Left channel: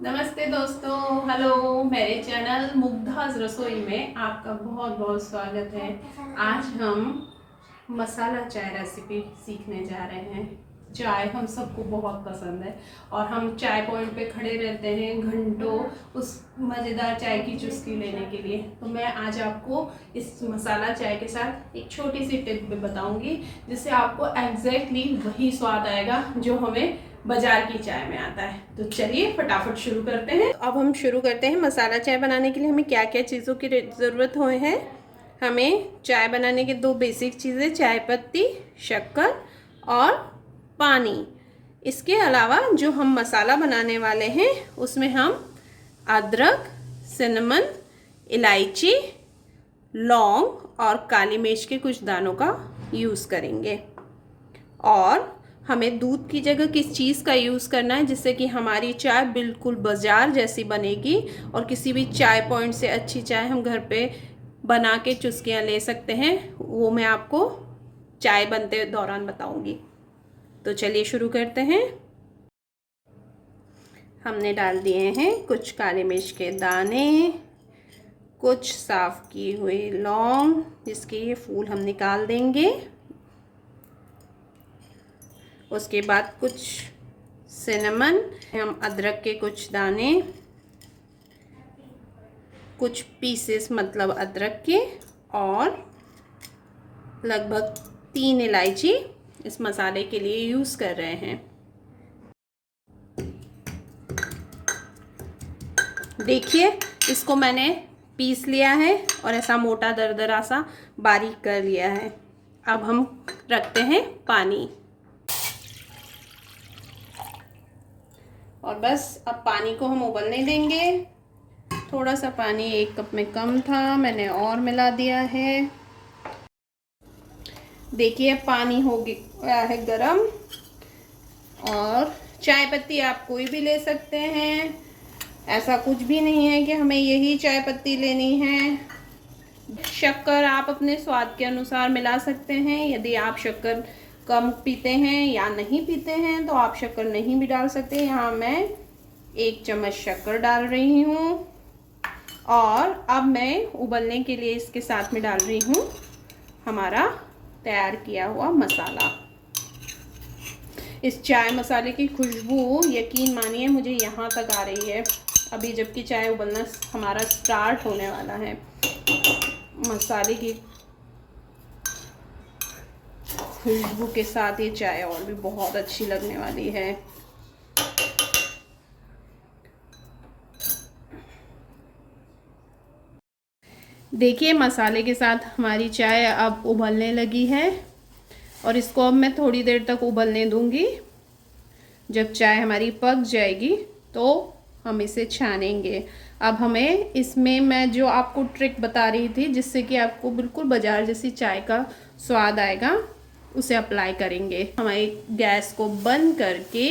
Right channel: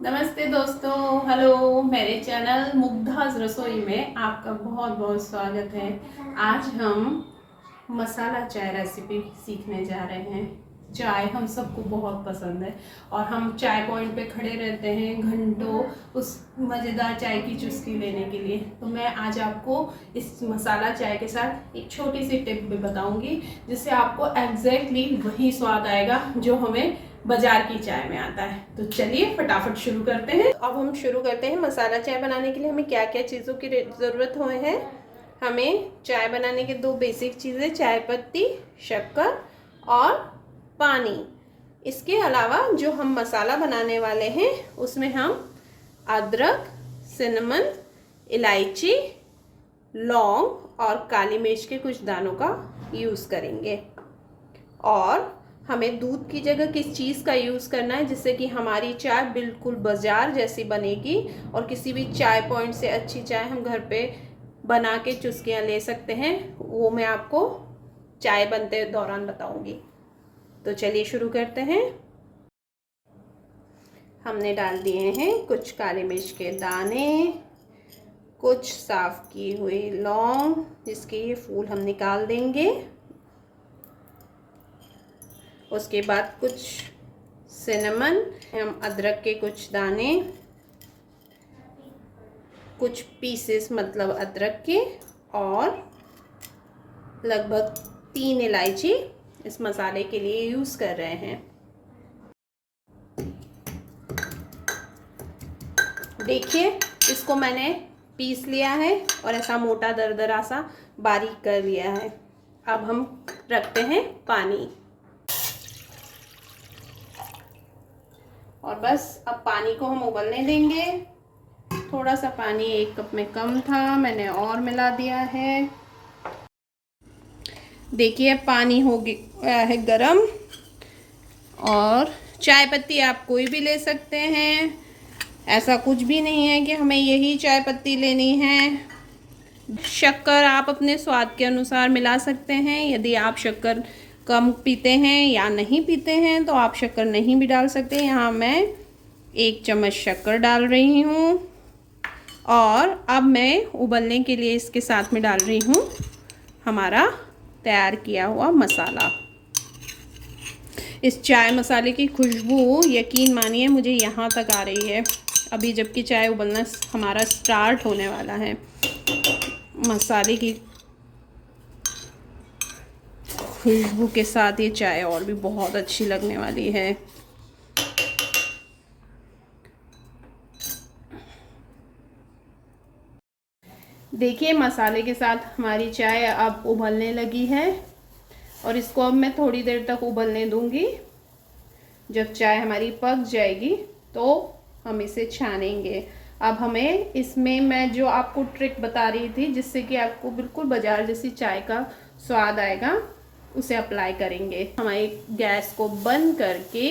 नमस्ते दोस्तों, हेलो। मेरे चैनल मुग्धाज रसोई में आपका बहुत बहुत स्वागत है। आज हम मसाला चाय रेसिपी सीखने जा रहे हैं। चाय हम सबको बहुत पसंद है और हम चाय पॉइंट पे खड़े रहते हैं घंटों उस मज़ेदार चाय की चुस्की लेने के लिए। तो मैं आज आपको इस मसाला चाय के साथ एक छोटी सी टिप भी बताऊंगी, जिससे आपको एग्जैक्टली वही स्वाद आएगा जो हमें बाजार की चाय में आता है। तो चलिए फटाफट शुरू करते हैं। तो अब हम शुरू करते हैं। मसाला चाय बनाने के लिए हमें क्या क्या चीज़ों की ज़रूरत हुए हैं। हमें चाय बनाने के दो बेसिक चीज़ें, चाय पत्ती, शक्कर और पानी। इसके अलावा जो हम मसाला बनाने वाले हैं उसमें हम अदरक, सिनेमन, इलायची, लौंग और काली मिर्च के कुछ दानों का यूज़ करेंगे। और हमें दूध की जगह किस चीज़ का यूज़ करना है जिससे कि हमारी चाय बिल्कुल बाजार जैसी बनेगी और किसी भी चाय पॉइंट से अच्छी चाय हम घर पे बना के चुस्कियाँ ले सकते हैं, वो मैं आपको चाय बनते दौरान बताऊंगी। तो चलिए शुरू करते हैं। हमने डाल दिए हैं कुछ काली मिर्च के दाने, कुछ साफ़ की हुई लौंग जिसके ये फूल हम निकाल देंगे। उसके बाद कुछ सिनेमन, हम अदरक के कुछ दाने, कुछ पीसेस मतलब अदरक के, और लगभग 3 इलायची इस मसाले के लिए यूज़ कर रहे हैं। देखिए, इसको मैंने पीस लिया है और ऐसा मोटा दरदरा सा बारीक कर लिया है। अब हम रखते हैं पानी और बस अब पानी को हम उबलने देंगे। थोड़ा सा पानी 1 कप में कम था, मैंने और मिला दिया है। देखिए पानी हो गया है गरम। और चाय पत्ती आप कोई भी ले सकते हैं, ऐसा कुछ भी नहीं है कि हमें यही चाय पत्ती लेनी है। शक्कर आप अपने स्वाद के अनुसार मिला सकते हैं। यदि आप शक्कर कम पीते हैं या नहीं पीते हैं तो आप शक्कर नहीं भी डाल सकते। यहाँ मैं 1 चम्मच शक्कर डाल रही हूँ और अब मैं उबलने के लिए इसके साथ में डाल रही हूँ हमारा तैयार किया हुआ मसाला। इस चाय मसाले की खुशबू यकीन मानिए मुझे यहाँ तक आ रही है। अभी जबकि चाय उबलना हमारा स्टार्ट होने वाला है, मसाले की खुशबू के साथ ये चाय और भी बहुत अच्छी लगने वाली है। देखिए मसाले के साथ हमारी चाय अब उबलने लगी है और इसको अब मैं थोड़ी देर तक उबलने दूंगी। जब चाय हमारी पक जाएगी तो हम इसे छानेंगे। अब हमें इसमें मैं जो आपको ट्रिक बता रही थी जिससे कि आपको बिल्कुल बाजार जैसी चाय का स्वाद आएगा, उसे अप्लाई करेंगे। हमारी गैस को बंद करके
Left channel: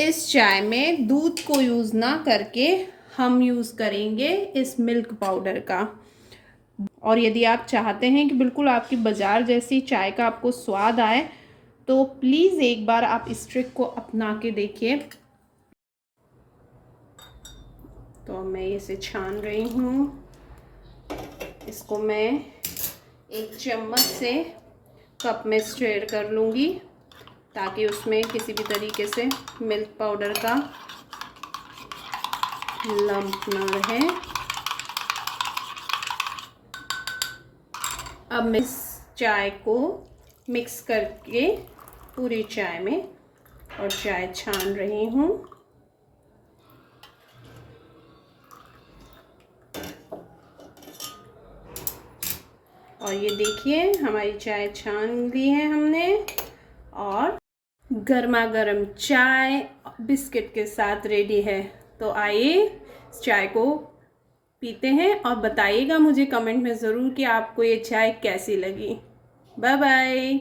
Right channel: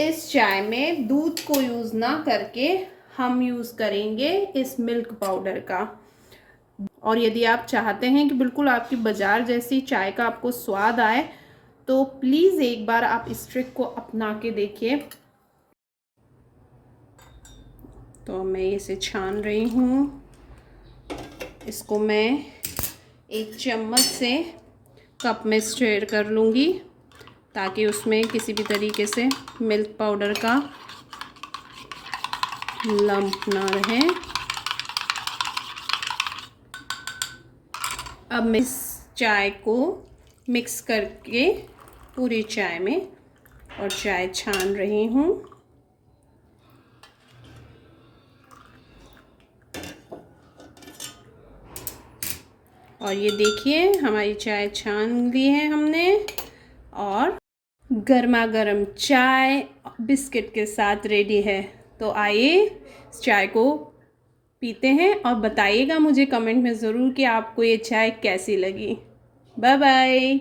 इस चाय में दूध को यूज़ ना करके हम यूज़ करेंगे इस मिल्क पाउडर का। और यदि आप चाहते हैं कि बिल्कुल आपकी बाजार जैसी चाय का आपको स्वाद आए तो प्लीज़ एक बार आप इस ट्रिक को अपना के देखिए। तो मैं इसे छान रही हूँ। इसको मैं 1 चम्मच से कप में स्टेर कर लूँगी ताकि उसमें किसी भी तरीके से मिल्क पाउडर का लंप ना रहे। अब मैं इस चाय को मिक्स करके पूरी चाय में और चाय छान रही हूँ। और ये देखिए हमारी चाय छान ली है हमने और गर्मा गर्म चाय बिस्किट के साथ रेडी है। तो आइए इस चाय को पीते हैं और बताइएगा मुझे कमेंट में ज़रूर कि आपको ये चाय कैसी लगी। Bye bye.